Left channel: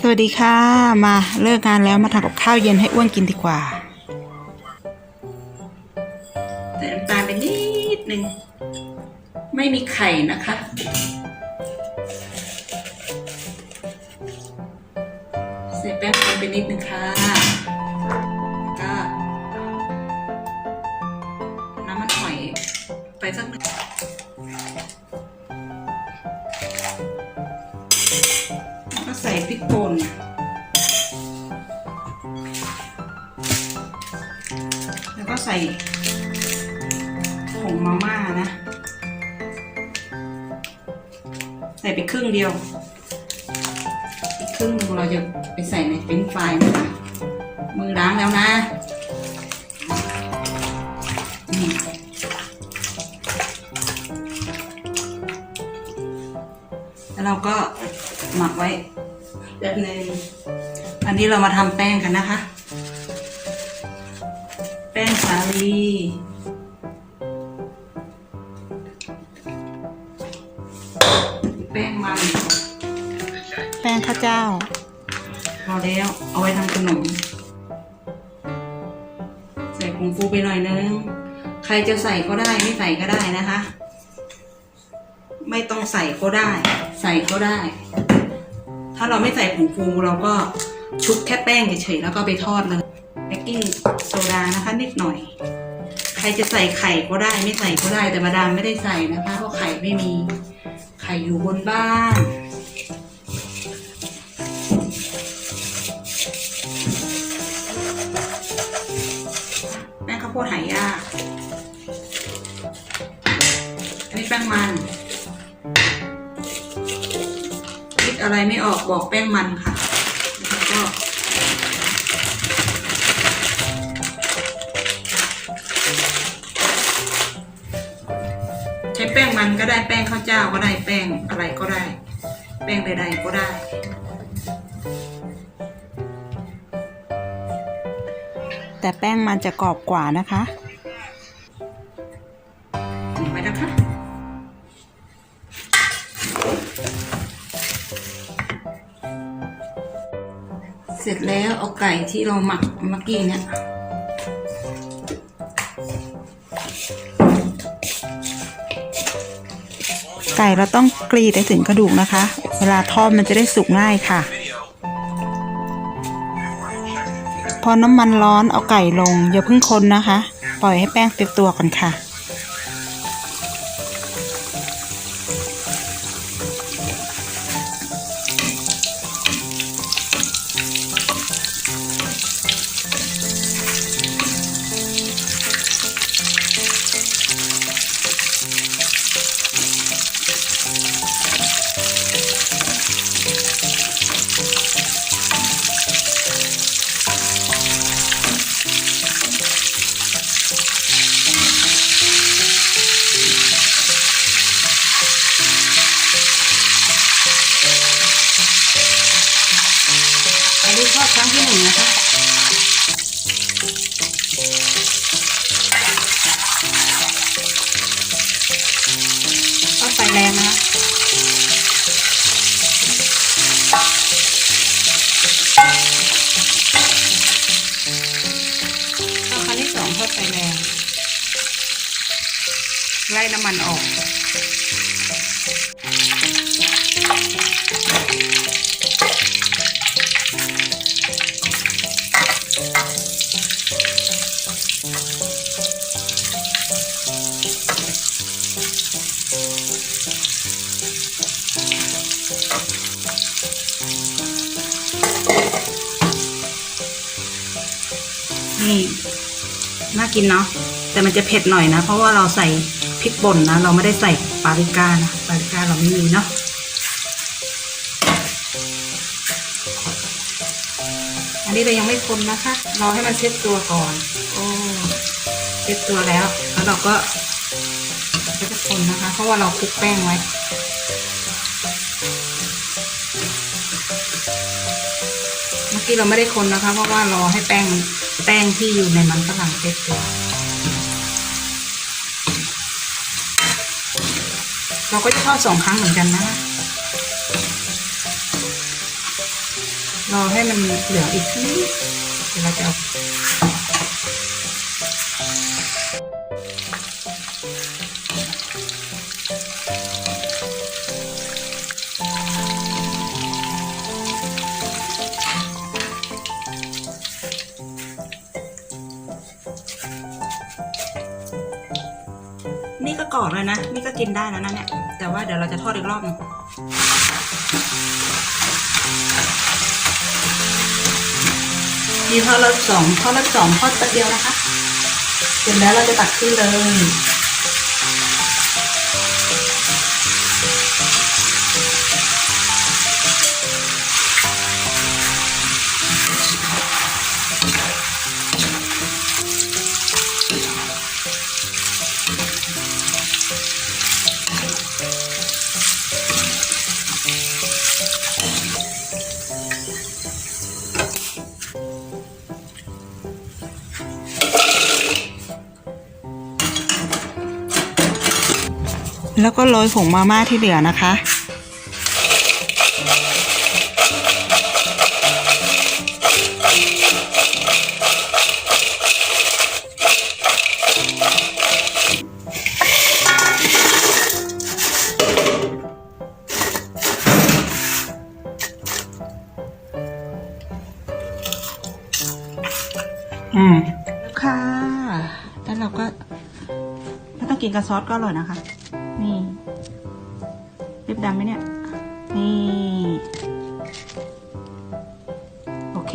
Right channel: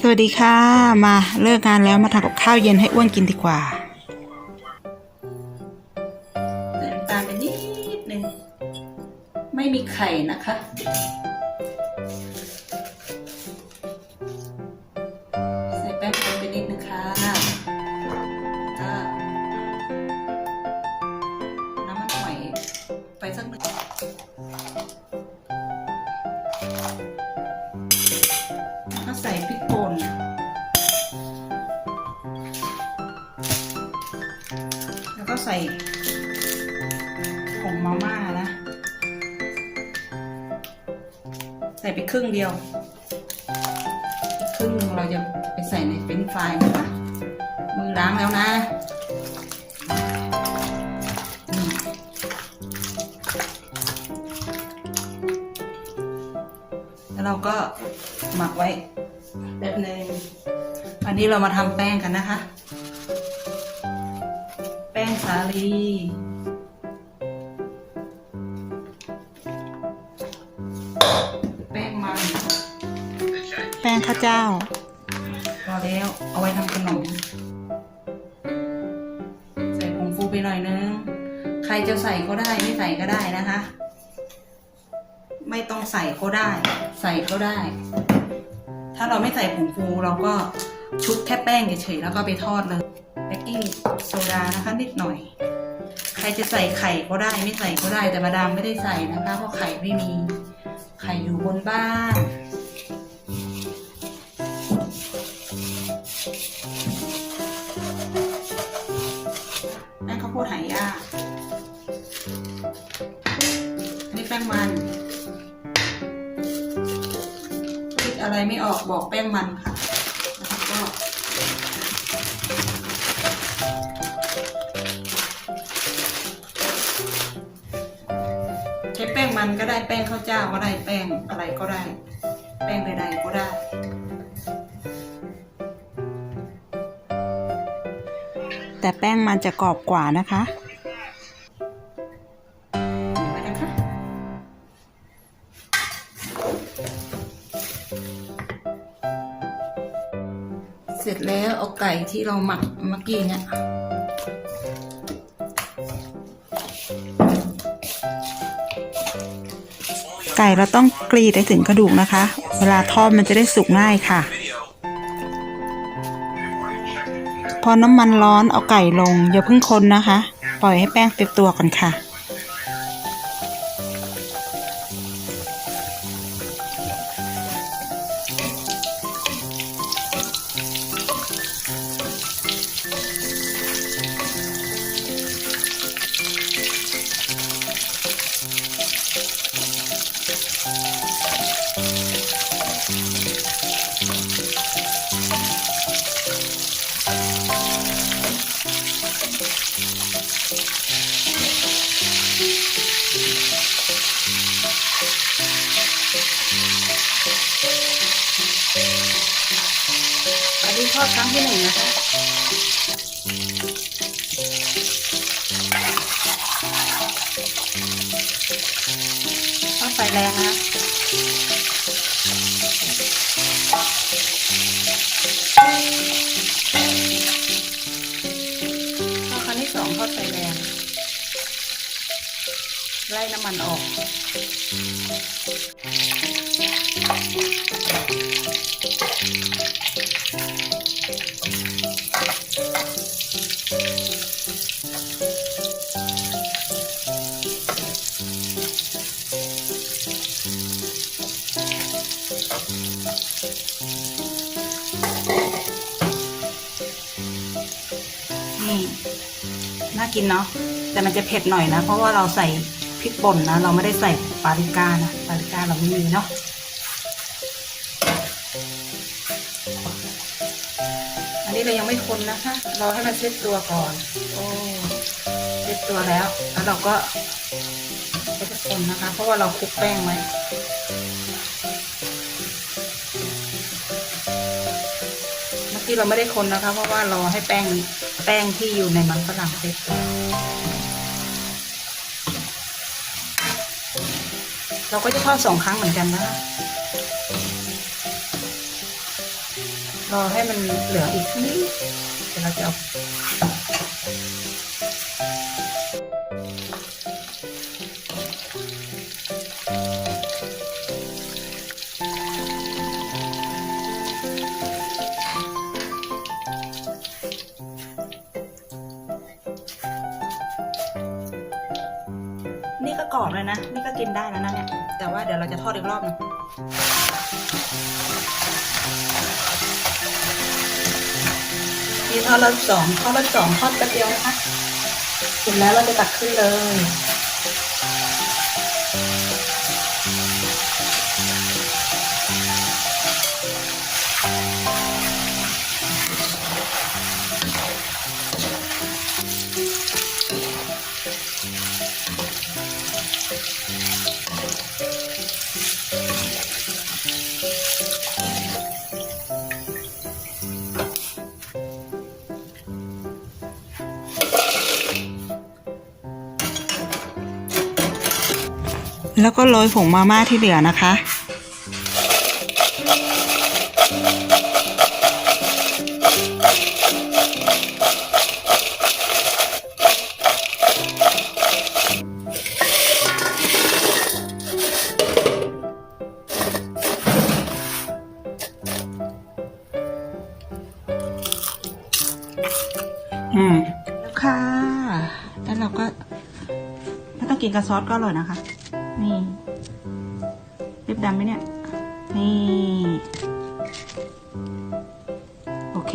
สวัสดีค่ะ มาเลิกงานแล้วมาทำกับข้าวเย็นให้อ้วนกินดีกว่าใส่น้ำตาลไปนิดนึงไม่มีไข่นะคะ ใส่แป้งไปนิดนึงค่ะ ใส่ผงมาม่านะ ใส่ไปครึ่งเดียว ครึ่งเราจะไปใส่ในเฟรนฟรายนะคะมือล้างแล้วนะนี่แล้วเราก็หมักไว้แป๊บนึงอันนี้เรามาทำแป้งกันนะคะ งสาลีแป้งมัน แป้งข้าวเจ้า พอแล้ว เอาไว้ทำขนม ใส่ผงฟูไปหน่อยนึง ใครจะใส่ก็ได้ไม่ใส่ก็ได้นะคะ ไม่ต้องใส่ก็ได้ ใส่ก็ได้ ถ้าเราไม่ใส่ผงฟูเราก็ชุบแค่แป้งเฉยๆแล้วก็ไปทอดเลย เบกกิ้งโซดานะคะนิดหน่อย ใครจะใส่ไข่ก็ได้ไม่ใส่ก็ได้แต่มาดามไม่ได้ใส่นะคะเพราะไข่ไม่มีไข่อยู่บนบ้านแป้งข้าวโพดหายากอันนี้แป้งมัน คิดอะไรไม่ออกบอกแป้งมันค่ะ ช้แป้งมันก็ได้แป้งข้าวเจ้าก็ได้แป้งอะไรก็ได้ แป้งใดๆก็ได้ แต่แป้งมันจะกรอบกว่านะคะไปนะคะเสร็จแล้วเอาไก่ที่เราหมักเมื่อกี้เนี่ย ไก่เราต้องกรีดให้ถึงกระดูกนะคะ เวลาทอดมันจะได้สุกง่ายค่ะ พอน้ำมันร้อนเอาไก่ลงอย่าเพิ่งคนนะคะ ปล่อยให้แป้งเต็มตัวก่อนค่ะ งนะทอดครั้งที่สองทอดไฟแรง ไล่น้ำมันออก กินเนาะแต่มันจะเผ็ดหน่อยนะ เพราะว่าเราใส่พริกป่นนะ เราไม่ได้ใส่ปาปริก้านะปาปริก้าเราไม่มีเนาะอันนี้เรายังไม่คนนะคะรอให้มันเซ็ตตัวก่อนโอ้เซ็ตตัวแล้ว แล้วเราก็ก็จะคนนะคะ เพราะว่าเราคลุกแป้งไว้เมื่อกี้เราไม่ได้คนนะคะ เพราะว่ารอให้แป้ง แป้งที่อยู่ในมันฝรั่งเซ็ตตัวเราก็จะทอดสองครั้งเหมือนกันนะ รอให้มันเหลืออีกนิดเดี๋ยวเราจะเอา กรอบเลยนะ นี่ก็กินได้แล้วนะเนี่ย แต่ว่าเดี๋ยวเราจะทอดอีกรอบหนึงมีทอดรอบสองทอดรอบสองทอดแป๊บเดียวนะคะ เสร็จแล้วเราจะตักขึ้นเลย แล้วก็โรยผงมาม่าที่เหลือนะคะ อ่าแล้วค่ะ แล้วเราก็ ถ้าต้องกินกับซอสก็อร่อยนะคะ นี่เล็บดำไหมเนี่ย นี่ โอเค